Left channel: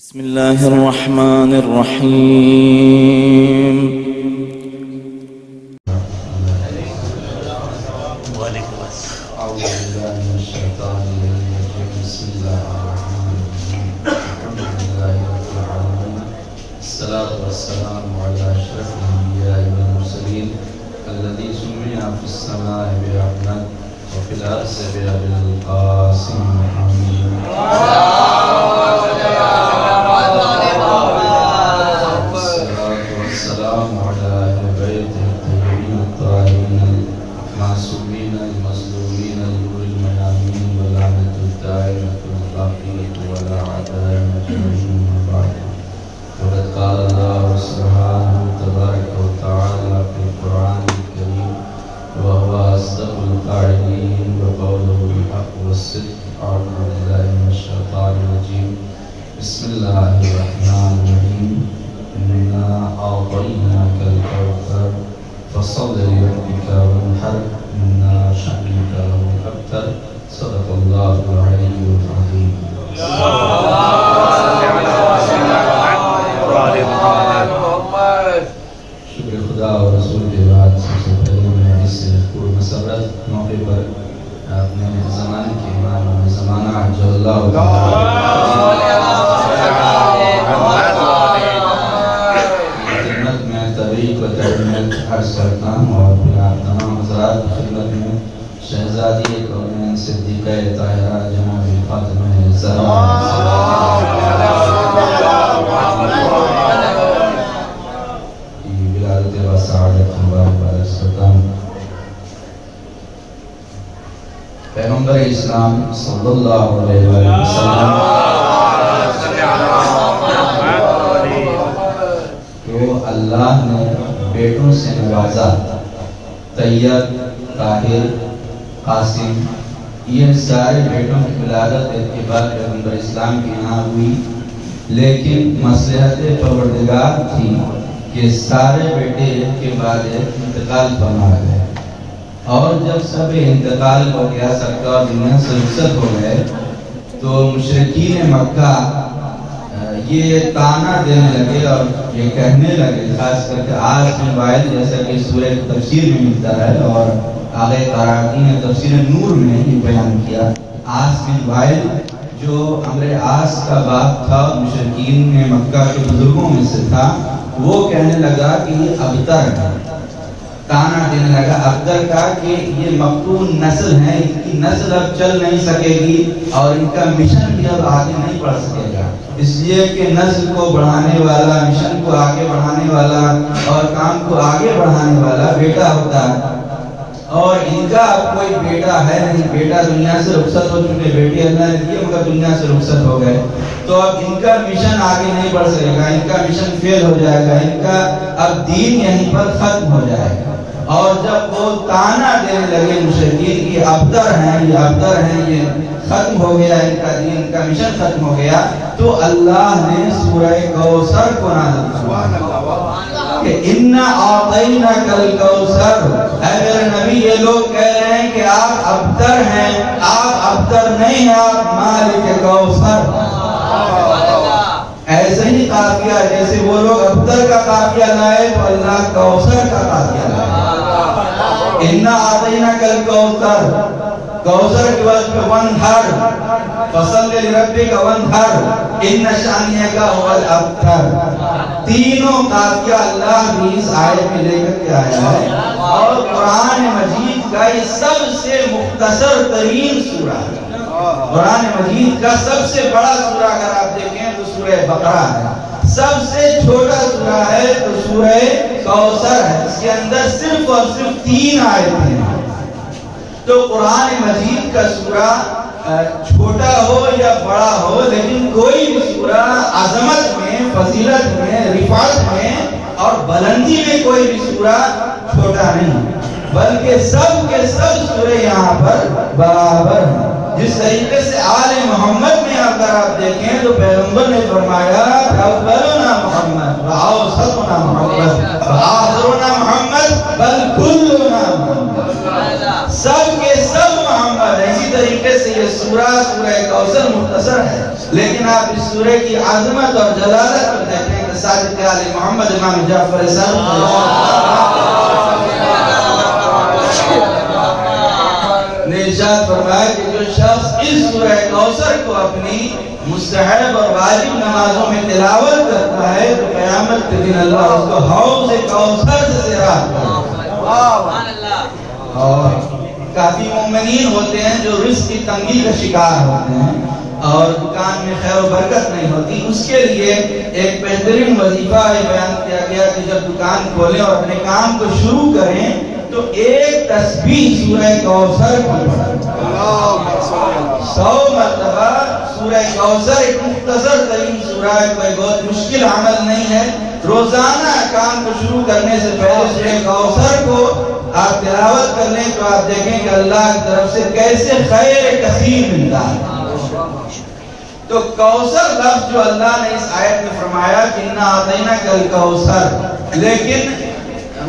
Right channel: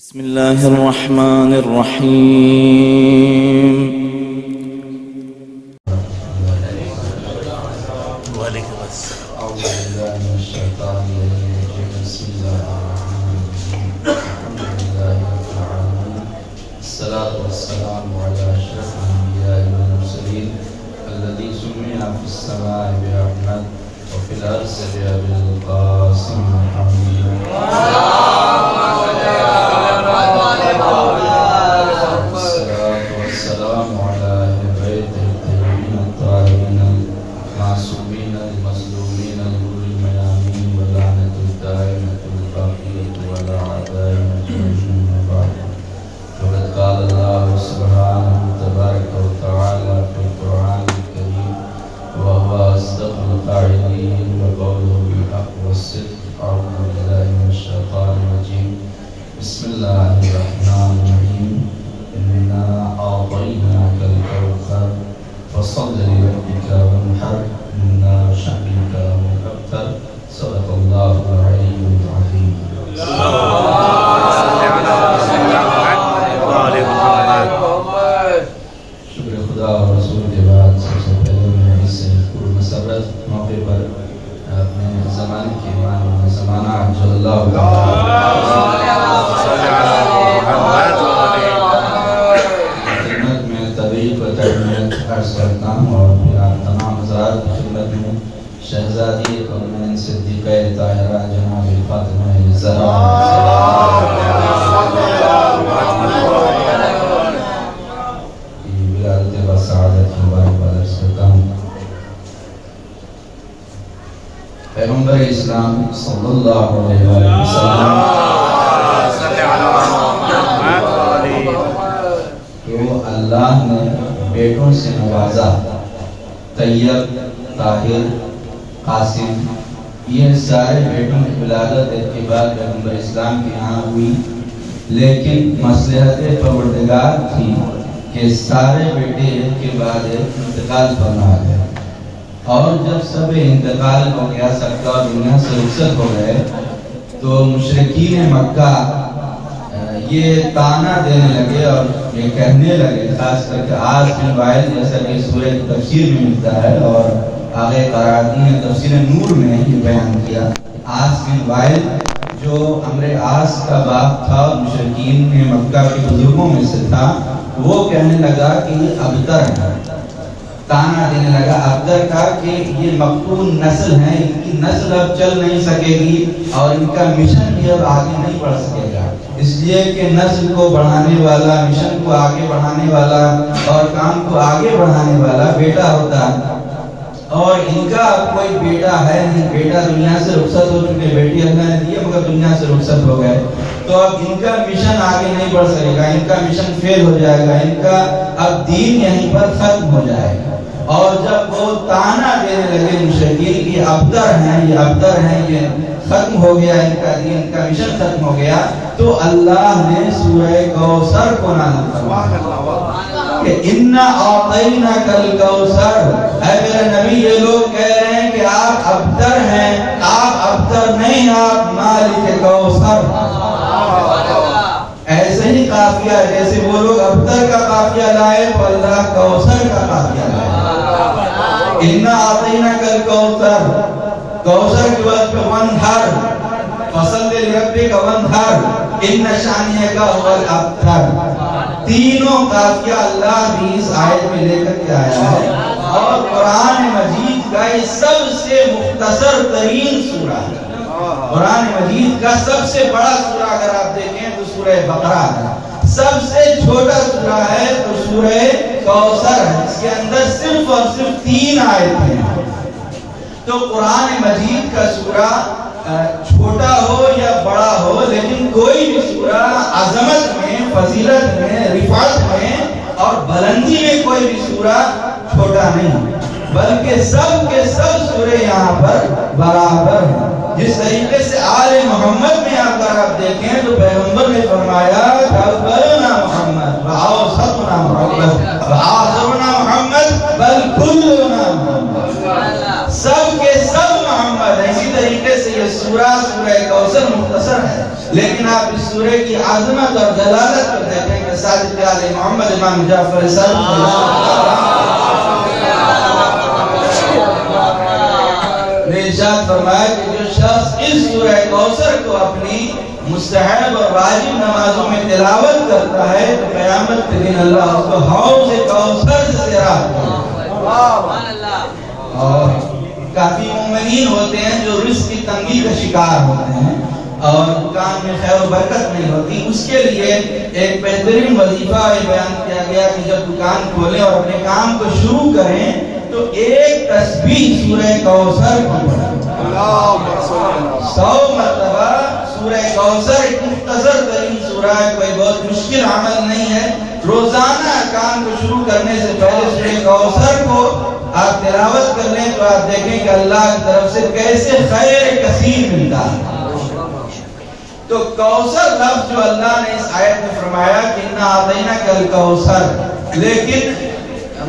بسم الله الرحمن الرحيم. أعوذ بالله من الشيطان الرجيم. بسم الله الرحمن الرحيم. الحمد لله رب العالمين. الصلاة والسلام على أشرف الأنبياء والمرسلين الذي سمي في السماء بأحمد وفي الأرض بأبي القاسم محمد. الصلاة والسلام على أهل بيته الطيبين الطاهرين المعصومين المظلومين الغر الميامين واللعنة الدائمة الباقية ولا عدائمة من بعد. وقد قال الله سبحانه تبارك وتعالى في القرآن الكريم وهو أصدق القائلين وقوله الحق والصدق. أعوذ بالله من الشيطان الرجيم. بسم الله الرحمن الرحيم. إنا أعطيناك الكوثر فصل لربك وانحر إن شأنك هو الأبتر. صدق الله العلي العظيم. شکر خدا اور رسول کے بعد سب سے پہلے میں اس سے پر مسرت موقع پر اپنے زمانے کے امام اور زمانہ جو اللہ خدمت میں طریق و تحمیت عرض کرتا ہوں اور تمام حضرات کی خدمت میں شہزادی کونین صدیقہ طاہرہ جناب فاطمہ زہرا کی ولادت و سعادت مبارک عرض کرتا ہوں۔ پیغمبر اسلام صلی اللہ علیہ وسلم کو اللہ نے بیٹوں سے نوازا۔ طیب، طاہر، قاسم، یہ سارے بیٹوں کی ولادت اتباع پیغمبر اسلام کے یہاں ہوئی، لیکن مصلحت پروردگار تھی کہ سارے بیٹے ایک کے بعد ایک انتقال فرما گئے، اور جب سب انتقال ہو گیا، سب کا دنیا سے رخصت ہو گئے، تو مشرکین مکہ یہ تانا دینے لگے اور یہ کہنے لگے، خاص کر کے عاص بن وائل، جیسا کہ سورہ تفسیر میں ملتا ہے اور آگے قرآن نے تفسیر نور میں یہ بیان کیا۔ عاص بن وائل جو عمرو عاص کا باپ تھا، مشرکین میں مکہ کے بزرگوں میں سے تھا، وہ کہنے لگا کہ یہ ابتر ہے، تانا دینے لگا ابتر کا کہ یہ مقتول نسل ہے، ان کی نسل اب چل نہیں سکے گی اور ان کا مشن بھی اب آگے نہیں بڑھ سکے گا، اس لیے کہ نسل کو بڑھانے والا، مشن کو آگے بڑھانے والا اور کام کو آگے بڑھانے والا بیٹا ہوتا ہے، اور ان کا اب کوئی بیٹا ہے نہیں، بیٹا دنیا سے رخصت ہو چکے، بیٹی اللہ نے دیے مگر دنیا سے رخصت ہو گئے، تو اب ان کا مشن آگے نہیں بڑھ سکے گا، ان کا مشن فیل ہو جائے گا، ان کا اب دین یہیں پر ختم ہو جائے گا۔ اور جب وہ تانا دینے لگے مشرکین کی ابتر ہیں، یہ ابتر ہیں، یہ ختم ہو گیا ان کا دین، ان کا مشن ختم ہو گیا، تو اللہ نے سورہ کوثر کو نازل فرمایا کہ اِنَّا أَعْطَيْنَاكَ الْكَوْثَرَ۔ اے میرے نبی، یہ لوگ کہہ رہے ہیں کہ آپ ابتر ہیں، آپ ابتر نہیں، آپ مالک کوثر۔ ایسے ہی قافیہ، جیسے وہ لوگ ابتر کا قافیہ لائے تو اللہ کوثر کا قافیہ لائے۔ اِنَّا أَعْطَيْنَاكَ الْكَوْثَرَ، کوثر کے وقت وَانْحَرْ فَصَلِّ لِرَبِّكَ وَانْحَرْ إِنَّ شَانِئَكَ هُوَ الْأَبْتَرُ۔ تینوں قافیہ اللہ بھی اس آیت میں لے کر کے آیا ہے، اور قرآن مجید کا یہ سب سے مختصر ترین سورہ ہے۔ قرآن مجید کا سب سے بڑا سورہ اگر آپ دیکھیں تو سورہ بقرہ ہے، سب سے چھوٹا سورہ ہے تو سورہ کوثر ہے، اس کے اندر صرف اور صرف 3 آیتیں ہیں۔ تو قرآن مجید کا سورہ چھوٹا ہو یا بڑا ہو، لیکن کوئی بھی سورہ عظمت میں، فضیلت میں، رفعت میں اور بلندی میں کوئی بھی سورہ چھوٹا نہیں، بلکہ سب کے سب سورے یہاں پر برابر ہیں۔ جس طریقے سے آل محمد میں اگر آپ دیکھیں تو پیغمبر نے فرمایا اولنا محمد واوسطنا محمد وآخرنا محمد بل کلنا محمد، سب کے سب محمد۔ اسی طریقے سے یہ سورہ کوثر مختصر ہے، لیکن لیکن آپ اس سورہ کی عظمت اور جلالت کو دیکھیں کہ صادق آل محمد امام جعفر صادق نے ارشاد فرمایا کہ جو شخص اس سورہ کوثر کو اپنی مستحب اور واجب نمازوں میں تلاوت کرتا ہے تو قیامت کے دن اللہ اس کو حوض کوثر سے سیراب کرے. اور کافی مومنین ہوتے ہیں جو رزق کی تنگی کا شکار ہوتے ہیں اور دکان میں خیر و برکت نہیں ہوتی. اس کے لیے ایک بہترین وظیفہ بیان کیا گیا کہ جب دکان کھولیں اور اپنے کام کو شروع کریں تو ایک تسبیح سورہ کوثر پڑھیں. 100 مرتبہ سورہ کوثر ایک مختصر ترین سورہ ہے، کوئی بہت مشکل عمل نہیں ہے. روزانہ کام کو شروع کرنے سے پہلے سورہ کوثر کو آپ تلاوت کر لیں تو آپ دیکھیں کہ اللہ کی طرف سے کیسے خیر کثیر ملتا ہے. تو کوثر لفظ جو اللہ نے اس آیت میں فرمایا کہ اِنَّا أَعْطَيْنَاكَ الْكَوْثَرَ، لیکن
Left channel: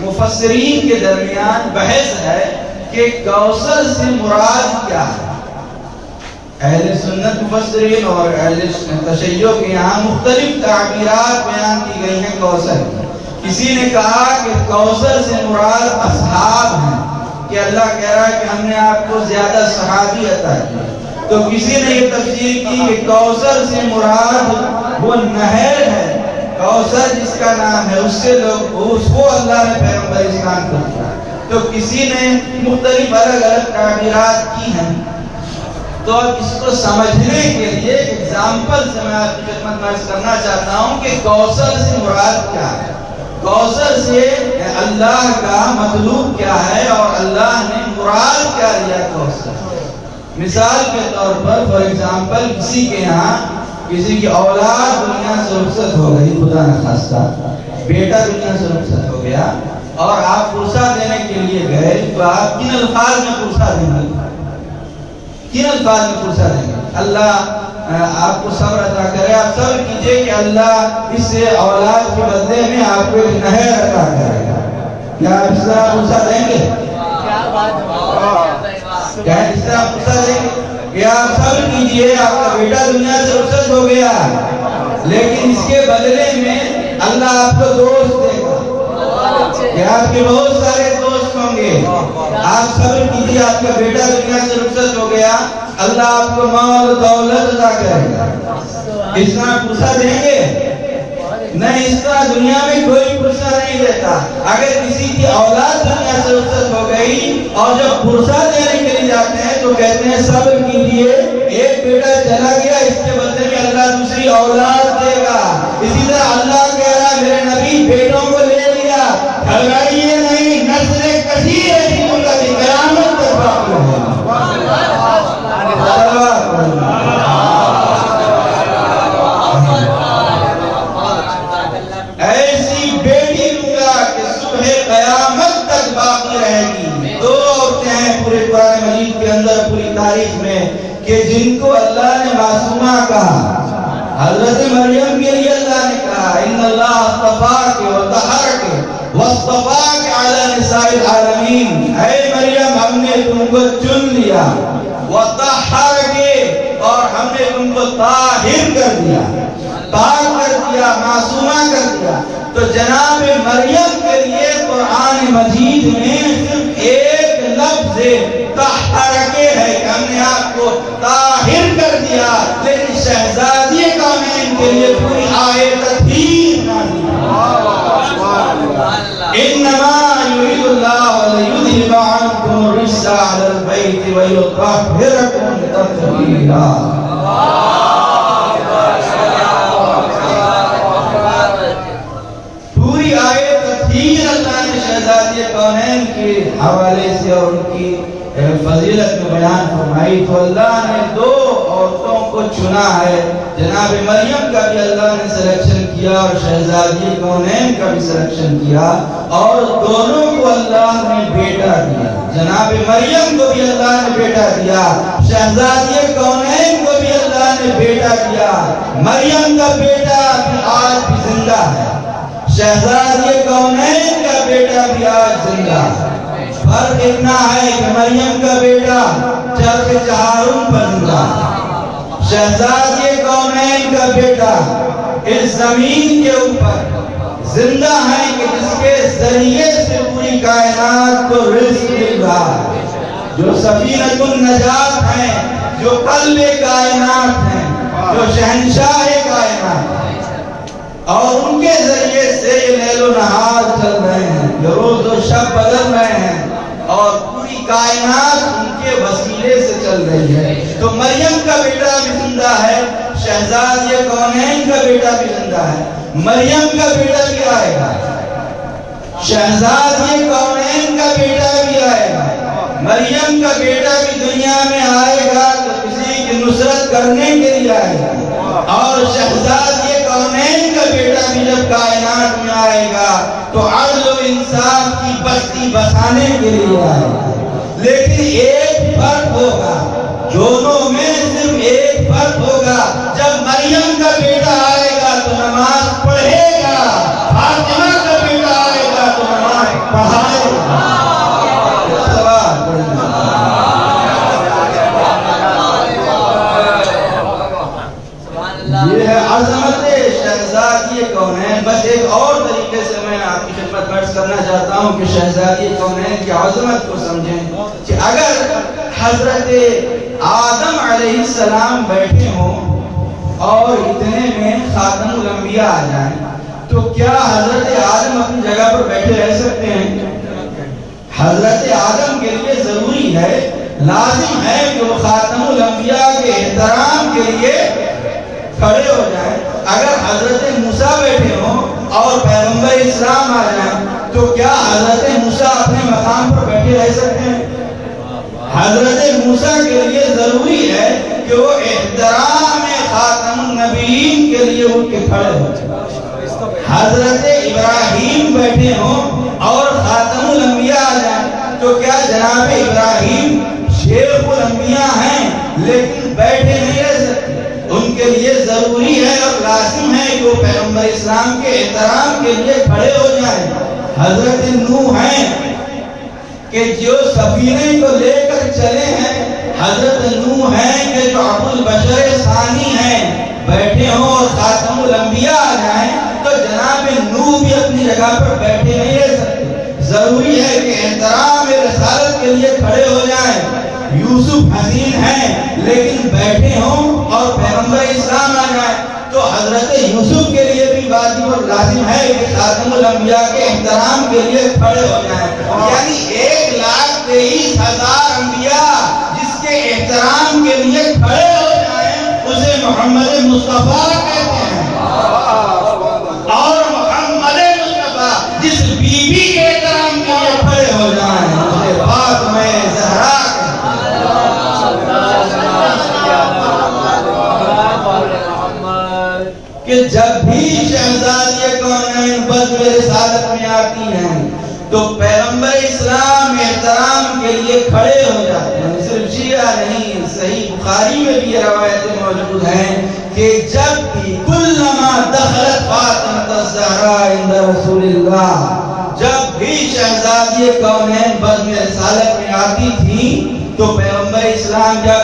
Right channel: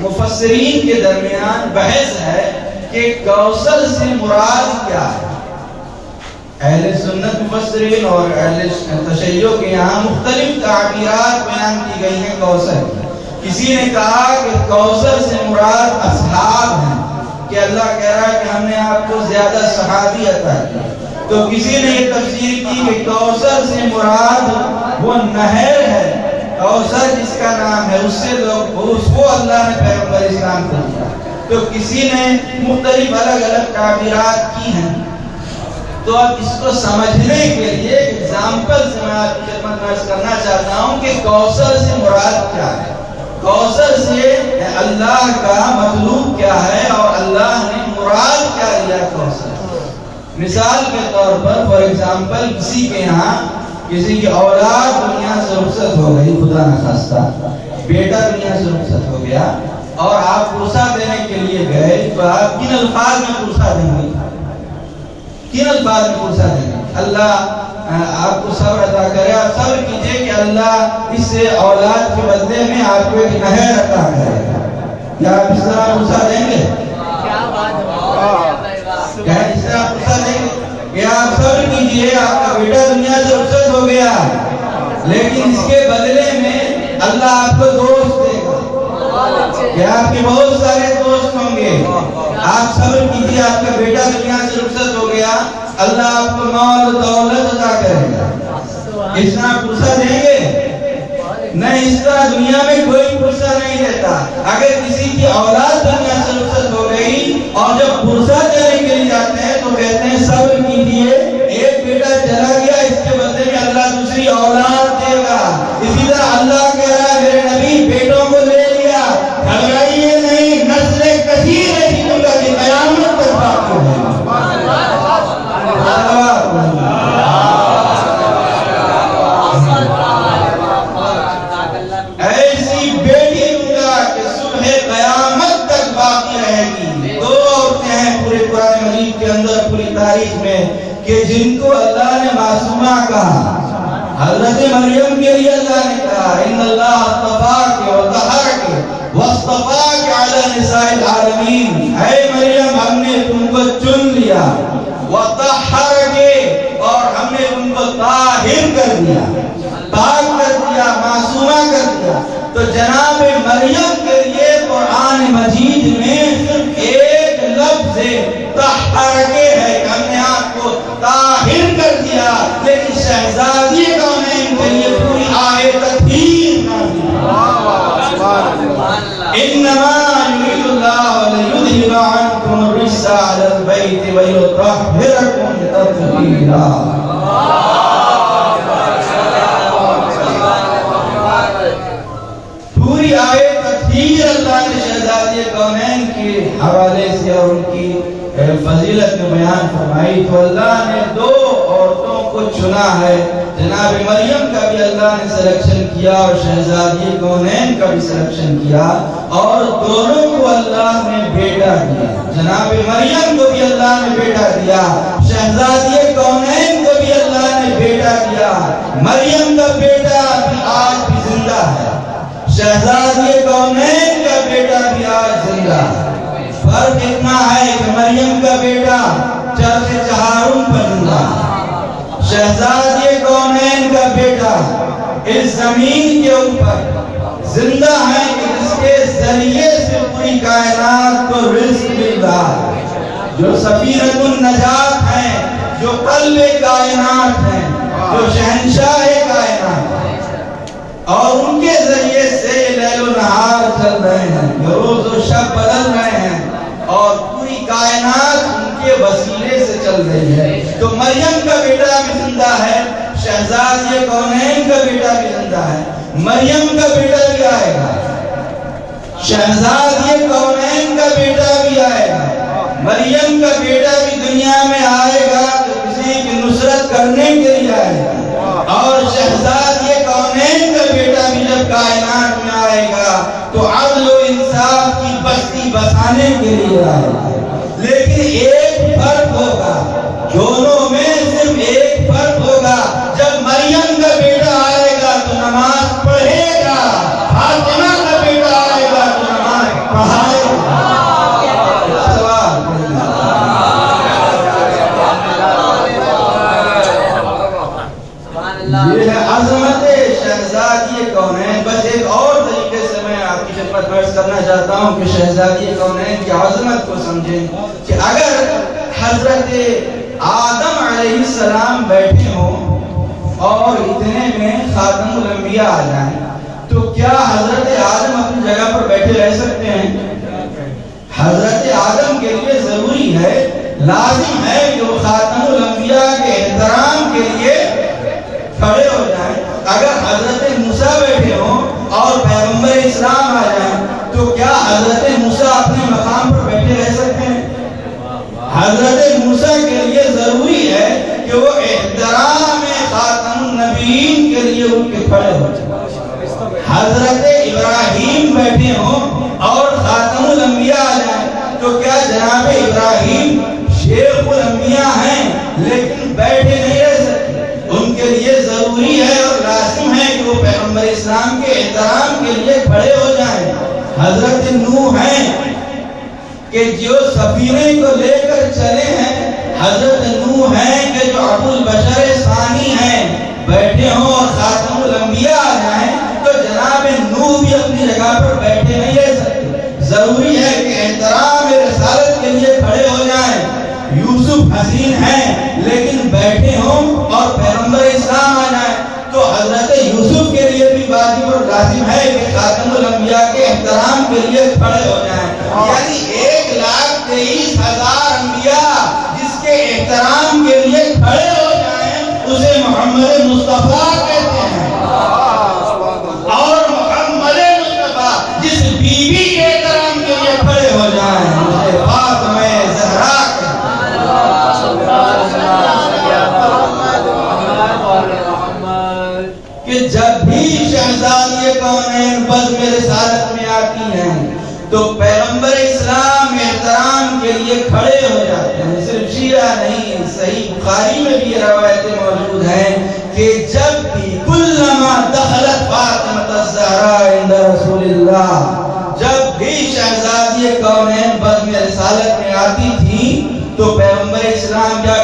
مفسرین کے درمیان بحث ہے کہ کوثر سے مراد کیا ہے. اہل سنت مفسرین اور اہل تشیع کے یہاں مختلف تعبیرات بیان کی گئی ہیں کوثر. کسی نے کہا کہ کوثر سے مراد اصحاب ہیں کہ اللہ کہہ رہا ہے کہ ہم نے آپ کو زیادہ صحابی عطا کیا. تو کسی نے یہ تفسیر کی کہ کوثر سے مراد وہ نہر ہے، کوثر جس کا نام ہے اس سے لوگ اس کو اللہ نے پیغمبر اسلام کو دیا. تو کسی نے مختلف الگ الگ تعبیرات کی ہیں. تو اب اس کو سمجھنے کے لیے اگزامپل سے میں آپ کی خدمت میں عرض کرنا چاہتا ہوں کہ کوثر سے مراد کیا ہے. کوثر سے اللہ کا مطلوب کیا ہے اور اللہ نے مراد کیا لیا کوثر. مثال کے طور پر فار ایگزامپل کسی کے یہاں کسی کی اولاد دنیا سے رخصت ہو گئی، خدا نخواستہ بیٹا دنیا سے رخصت ہو گیا اور آپ پرسہ دینے کے لیے گئے تو آپ کن الفاظ میں پرسہ دیں گے؟ کن الفاظ میں پرسہ دیں گے؟ اللہ آپ کو صبر عطا کرے. آپ صبر کیجئے کہ اللہ اس سے اولاد کے بدلے میں آپ کو ایک نہر عطا کرے گا. کیا آپ اس طرح پرسہ دیں گے؟ کیا اس طرح پرسہ دیں گے کہ آپ صبر کیجئے آپ کا بیٹا دنیا سے رخصت ہو گیا لیکن اس کے بدلے میں اللہ آپ کو دوست دے گا کہ آپ کے بہت سارے دوست ہوں گے. آپ صبر کیجئے آپ کا بیٹا دنیا سے رخصت ہو گیا اللہ آپ کو مال و دولت عطا کرے گا. اس طرح پرسہ دیں گے؟ نہیں، اس طرح دنیا میں کوئی پرسہ نہیں دیتا. اگر کسی کی اولاد دنیا سے رخصت ہو گئی اور جب پرسہ دینے کے لیے جاتے ہیں تو کہتے ہیں صبر کیجئے، ایک بیٹا چلا گیا اس کے بدلے میں اللہ دوسری اولاد دے گا. اسی طرح اللہ کہہ رہا ہے میرے نبی بیٹوں کو لے لیا، گھبرائیے نہیں، نسل کثیر ہے جن کا قیامت تک باقی ہے. ایسی بیٹی لوں گا کہ صبح قیامت تک باقی رہے گی. 2 عورتیں ہیں پورے قرآن مجید کے اندر پوری تاریخ میں کہ جن کو اللہ نے معصومہ کہا. حضرت مریم کے لیے اللہ نے کہا ان اللہ اصطفاک و طہرک واصطفاک علی نساء العالمین. اے مریم ہم نے تم کو چن لیا، وطہرک اور ہم نے تم کو طاہر کر دیا، پاک کر دیا، معصومہ کر دیا. تو جناب مریم کے لیے قرآن مجید میں صرف ایک لفظ طہرک ہے کہ ہم نے آپ کو طاہر کر دیا. لیکن شہزادی کونین کے لیے پوری آیت تطہیر انما یرید اللہ لیذہب عنکم الرجس اہل البیت ویطہرکم تطہیرا. پوری آیت تطہیر اللہ نے شہزادی کونین کے حوالے سے اور ان کی فضیلت میں بیان فرمائی. تو اللہ نے 2 عورتوں کو چنا ہے. جناب مریم کا بھی اللہ نے سلیکشن کیا اور شہزادی کونین کا بھی سلیکشن کیا اور دونوں کو اللہ نے بیٹا دیا. جناب مریم کو بھی اللہ نے بیٹا دیا، شہزادی کونین کو بھی اللہ نے بیٹا دیا. مریم کا بیٹا بھی آج بھی زندہ ہے، شہزادی کونین کا بیٹا بھی آج زندہ ہے. فرق اتنا ہے کہ مریم کا بیٹا چرخ چہارم پر زندہ ہے، شہزادی کونین کونین کا بیٹا اس زمین کے اوپر زندہ ہے کہ جس کے ذریعے سے پوری کائنات کو رزق مل رہا ہے، جو سفینۃ النجات ہیں، جو قلب کائنات ہیں، جو شہنشاہ کائنات ہیں، اور ان کے ذریعے سے لیل و نہار چل رہے ہیں، جو روز و شب بدل رہے ہیں، اور پوری کائنات ان کے وسیلے سے چل رہی ہے۔ تو مریم کا بیٹا بھی زندہ ہے، شہزادی کونین کا بیٹا بھی زندہ ہے، مریم کا بیٹا بھی آئے گا، شہزادی کونین کا بیٹا بھی آئے گا، مریم کا بیٹا بھی دنیا میں آئے گا تو کسی کی نصرت کرنے کے لیے آئے گا، اور شہزادی کونین کا بیٹا بھی جب کائنات میں آئے گا تو عدل و انصاف کی بستی بسانے کے لیے آئے گا۔ لیکن ایک فرق ہوگا، دونوں میں صرف ایک فرق ہوگا، جب مریم کا بیٹا آئے گا تو نماز پڑھے گا، فاطمہ کا بیٹا آئے گا تو نماز پڑھائے گا۔ یہ ہے عظمت شہزادی کونین۔ بس ایک اور طریقے سے میں آپ کی خدمت میں عرض کرنا چاہتا ہوں کہ شہزادی کونین کی عظمت کو سمجھیں کہ اگر حضرت آدم علیہ السلام بیٹھے ہوں اور اتنے میں خاتم الانبیاء آ جائیں تو کیا حضرت آدم اپنی جگہ پر بیٹھے رہ سکتے ہیں؟ حضرت آدم کے لیے ضروری ہے، لازم ہے کہ وہ خاتم الانبیاء کے احترام کے لیے کھڑے ہو جائیں۔ اگر حضرت موسیٰ بیٹھے ہوں اور پیغمبر اسلام آ جائیں تو کیا حضرت موسیٰ اپنے مقام پر بیٹھے رہ سکتے ہیں؟ حضرت موسیٰ کے لیے ضروری ہے کہ وہ احترام خاتم النبیین کے لیے اٹھ کے کھڑے ہو جائیں۔ حضرت ابراہیم بیٹھے ہوں اور خاتم الانبیاء آ جائیں تو کیا جناب ابراہیم شیخ الانبیاء ہیں لیکن بیٹھے نہیں رہ سکتے؟ ان کے لیے ضروری ہے اور لازم ہے کہ وہ پیغمبر اسلام کے احترام کے لیے کھڑے ہو جائیں۔ حضرت نوح ہیں کہ جو سفینے کو لے کر چلے ہیں، حضرت نوح ہیں کہ جو ابو البشر ثانی ہیں، بیٹھے ہوں اور خاتم الانبیاء آ جائیں تو جناب نوح بھی اپنی جگہ پر بیٹھے نہیں رہ سکتے، ضروری ہے کہ احترام رسالت کے لیے کھڑے ہو جائیں۔ یوسف حسین ہیں لیکن بیٹھے ہوں اور پیغمبر اسلام آ جائیں تو حضرت یوسف کے لیے بھی واجب اور لازم ہے کہ خاتم الانبیاء کے احترام کے لیے کھڑے ہو جائیں۔ یعنی 1,23,000 انبیاء جس کے احترام کے لیے کھڑے ہو جائیں اسے محمد مصطفیٰ کہتے ہیں، اور محمد مصطفیٰ جس بی بی کے احترام کے لیے کھڑے ہو جائیں اسے فاطمہ زہرا کہ جب بھی شہزادی کونین بزم رسالت میں آتی ہیں تو پیغمبر اسلام احترام کے لیے کھڑے ہو جاتے ہیں۔ صرف شیعہ نہیں، صحیح بخاری میں بھی یہ روایتیں موجود ہیں کہ جب بھی کلما دخلت فاطمہ الزہرا عند رسول اللہ، جب بھی شہزادی کونین بزم رسالت میں آتی تھی تو پیغمبر اسلام کیا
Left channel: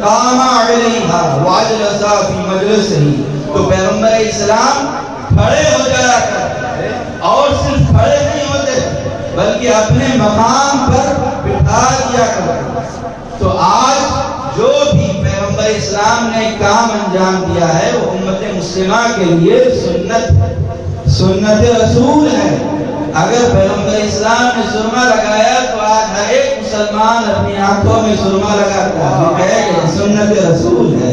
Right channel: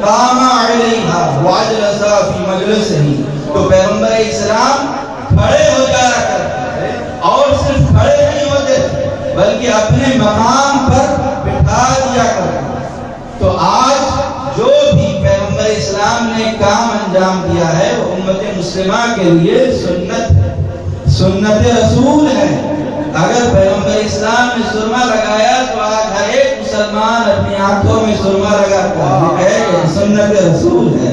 قام علیہا واجلس فی مجلسہ، تو پیغمبر اسلام کھڑے ہو جایا کرتے اور صرف کھڑے نہیں ہوتے بلکہ اپنے مقام پر بٹھا دیا کرتے۔ تو آج جو بھی پیغمبر اسلام نے کام انجام دیا ہے وہ امت مسلمہ کے لیے سنت رسول ہے۔ اگر پیغمبر اسلام نے سرما لگایا تو آج ہر ایک مسلمان اپنی آنکھوں میں سرما لگاتا ہے، یہ سنت رسول ہے۔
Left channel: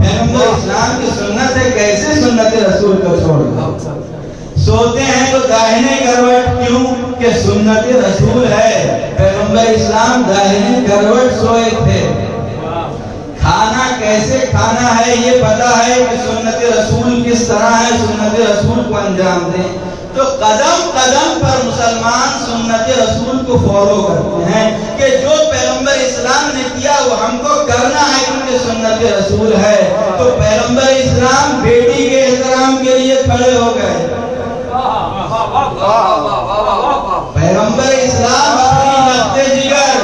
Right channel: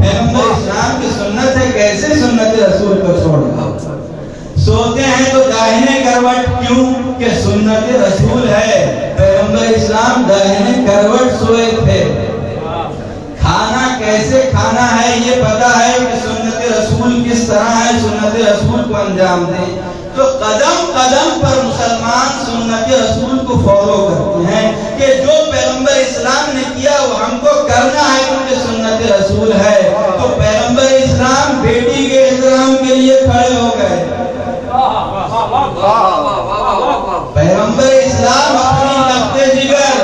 پیغمبر اسلام کی سنت ہے، کیسے سنت رسول کو چھوڑ دو؟ سوتے ہیں تو داہنے کروٹ کیوں کہ سنت رسول ہے۔ پیغمبر اسلام داہنے کروٹ سوئے تھے۔ کھانا کیسے کھانا ہے یہ پتا ہے کہ سنت رسول کس طرح ہے، سنت رسول کو انجام دیں۔ تو قدم قدم پر مسلمان سنت رسول کو فالو کرتے ہیں کہ جو پیغمبر اسلام نے کیا وہ ہم کو کرنا ہے کیونکہ سنت رسول ہے۔ تو پیغمبر اسلام بیٹی کے احترام کے لیے کھڑے ہو گئے۔ پیغمبر اسلام اپنی لفظ جگر،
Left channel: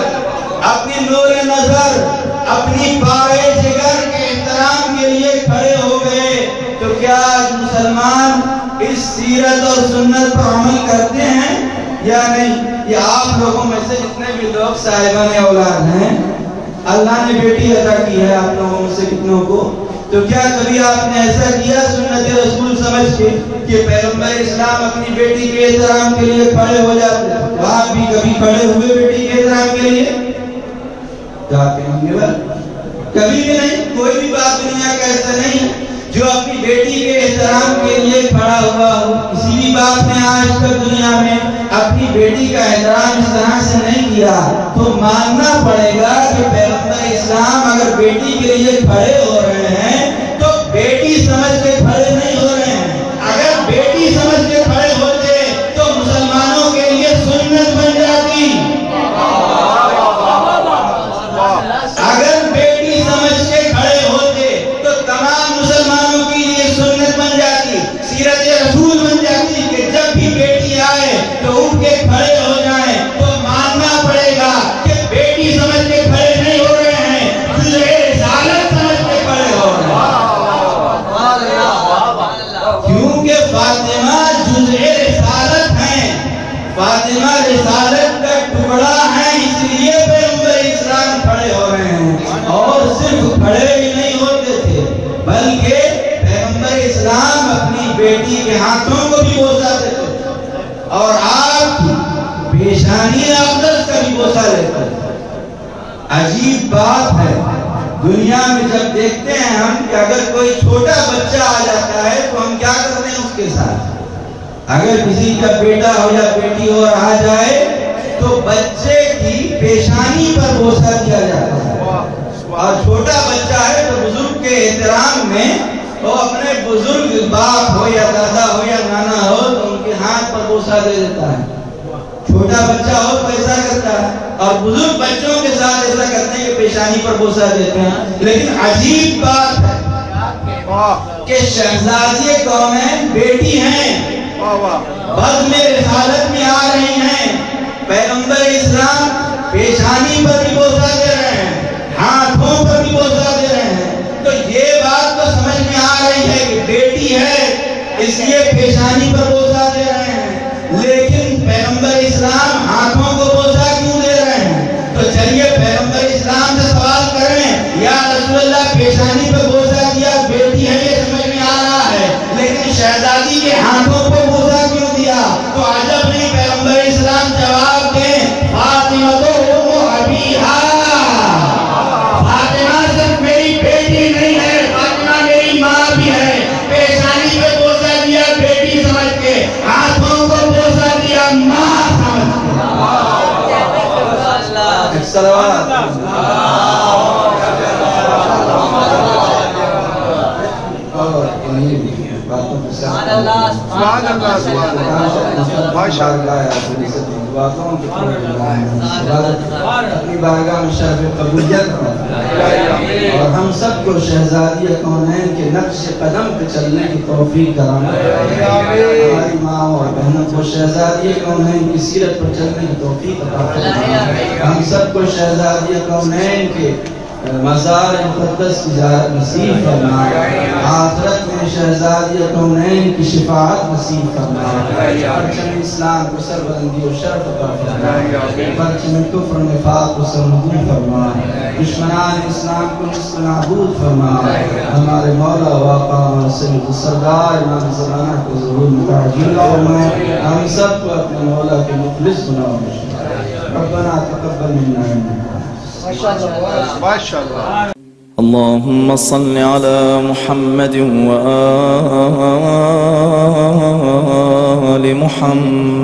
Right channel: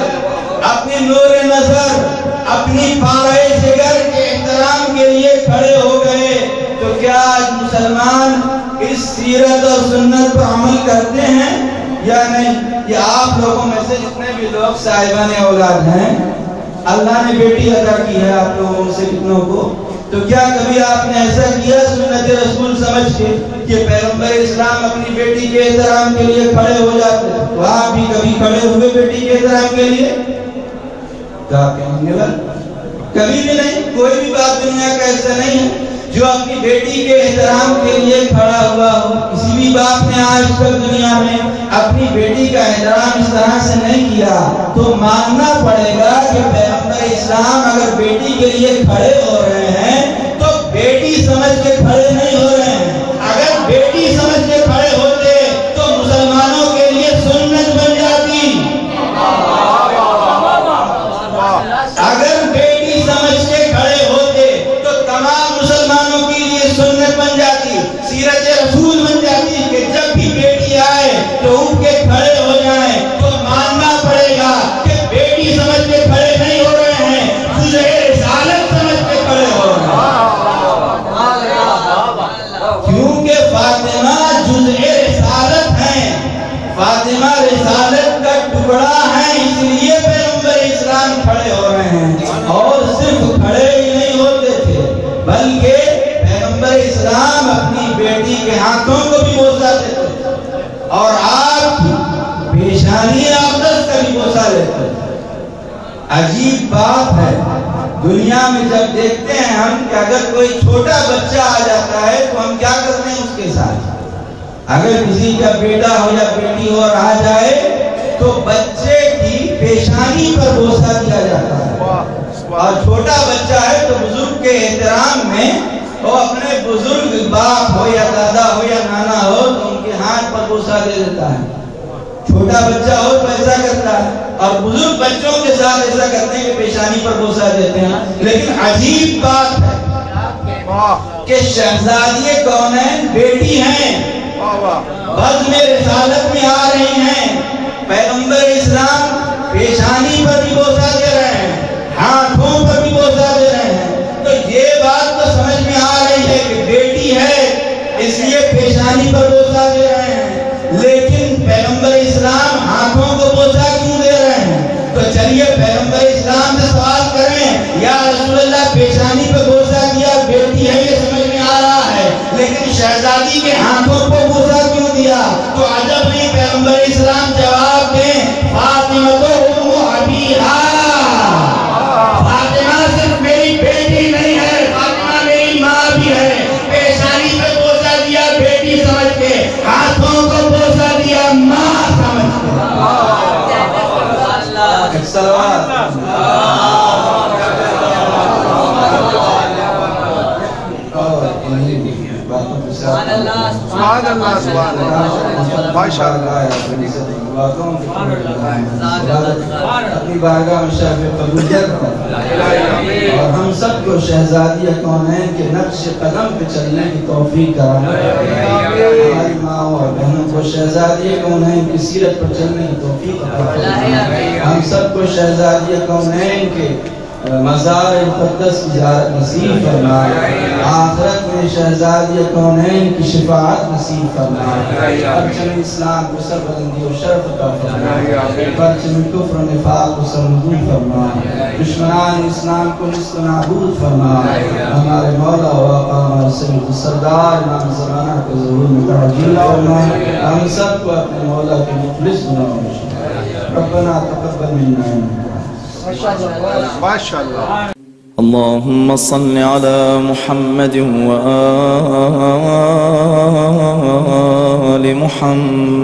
اپنی نور نظر، اپنی پارے جگر کے احترام کے لیے کھڑے ہو گئے۔ کیا آج مسلمان اس سیرت اور سنت پر عمل کرتے ہیں یا نہیں؟ یہ آپ لوگوں میں سے جتنے بھی لوگ صاحبان اولاد ہیں، اللہ نے بیٹی عطا کی ہے آپ لوگوں میں سے کتنوں کو، تو کیا کبھی آپ نے ایسا کیا سنت رسول سمجھ کے کہ پیغمبر اسلام اپنی بیٹی کے احترام کے لیے کھڑے ہو جاتے؟ وہاں بھی کبھی کھڑے ہوئے بیٹی کے احترام کے لیے؟ کبھی بھی نہیں۔ کوئی بھی بات دنیا کا ایسا نہیں ہے جو اپنی بیٹی کے احترام کے لیے کھڑا ہوا ہو۔ کسی بھی باپ نے آج تک دنیا میں اپنی بیٹی کا احترام اس طرح سے نہیں کیا، تو ماننا پڑے گا کہ پیغمبر اسلام اگر بیٹی کے لیے کھڑے ہو رہے ہیں تو بیٹی سمجھ کے کھڑے نہیں ہو رہے ہیں۔ اگر بیٹی سمجھ کے کھڑے ہوتے تو مسلمانوں کے لیے سنت بن جاتی۔ اگر بیٹی سمجھ کے کھڑے ہوتے تو تمام مسلمانوں کے لیے سنت بن جاتی، سیرت رسول بن جاتی کہ جب بھی بیٹی آئے تو اٹھ کے کھڑے ہو جائیں۔ تو ماننا پڑے گا کہ بیٹی سمجھ کے کھڑے نہیں ہو رہے ہیں، رسالت سمجھ کے کھڑے ہو رہے ہیں، کیونکہ فاطمہ جزء رسالت ہیں، فاطمہ رسالت کا ٹکڑا ہے، اس لیے پیغمبر اسلام کھڑے ہو رہے ہیں۔ اور صرف کھڑے ہی نہیں ہوتے تھے بلکہ پیغمبر اسلام اپنی بیٹی کے ہاتھوں کو بھی بوسا دیتے تھے اور آپ کی پیشانی اقدس کا بھی بوسا لیتے تھے۔ عجیب بات ہے، دنیا میں جب دیکھتے ہیں ہم کہ اگر کوئی چھوٹا بچہ آ جاتا ہے تو ہم کیا کرتے ہیں اس کے ساتھ؟ اگر کسی کا بیٹا ہو یا بیٹی ہو اور آ جائے تو بچے کی پیشانی پر بوسا دیا جاتا ہے، اور چھوٹا بچہ ہے تو بزرگ کے احترام میں وہ اپنے بزرگ باپ ہو یا دادا ہو یا نانا ہو تو ان کے ہاتھ پر بوسا دے دیتا ہے۔ چھوٹا بچہ ہو تو ایسا کرتا ہے، اور بزرگ بچوں کے ساتھ ایسا کرتے ہیں کہ پیشانی پر بوسا دیتے ہیں۔ لیکن عجیب بات ہے کہ شہزادی کونین بیٹی ہیں، بزم رسالت میں آ رہی ہیں، پیغمبر اسلام پیشانی پر بھی بوسا دے رہے ہیں، ہاتھوں پر بھی بوسا دے رہے ہیں۔ تو یہ بات تو سمجھ میں آ رہی ہے کہ بیٹی ہے اس لیے پیشانی پر بوسا دے رہے ہیں، لیکن پیغمبر اسلام ہاتھوں کو بوسا کیوں دے رہے ہیں؟ تو چلیے پیغمبر اسلام سے سوال کریں، یا رسول اللہ پیشانی پر بوسا دیا، بیٹی ہے یہ سمجھ میں آ رہا ہے، لیکن شہزادی کے ہاتھوں پر بوسا کیوں دیا؟ تو عجب نہیں، پیغمبر اسلام جواب دیں، فاطمہ تو ابیہا، فاطمہ صرف میری بیٹی نہیں ہے، فاطمہ میری ماں بھی ہے۔ پیشانی پہ بوسا دیا بیٹی سمجھ کے، ہاتھوں کو بوسا دیا ماں سمجھ کے۔ صلوات اپنی بارگاہ میں شرف قبولیت اور ہم سب کو شہزادی کونین کے نقش قدم پہ چلنے کی توفیق کرنا، ہماری ماں اور بہنوں کو شہزادی کونین کی سیرت پر چلنے کی توفیق عطا فرمائے، ہم سب کو شہزادی کونین کے مزار مقدس کی زیارت نصیب فرمائے، آخرت میں شہزادی کونین کی شفاعت نصیب فرمائے، پرچم اسلام کو سربلندی و شرف عطا فرمائے، پرچم کفر و نفاق کو سرنگون فرمائے، دشمنان اسلام کو نصف نابود فرمائے، ہمارے مولا و آقا ہمارے سید سردار امام زمانہ کے ظہور میں تعجیل فرمائے، ہم سب کو اپنے مولا کے مخلص بناؤ۔ ربنا تقبل منا اللهم صل على محمد وآل محمد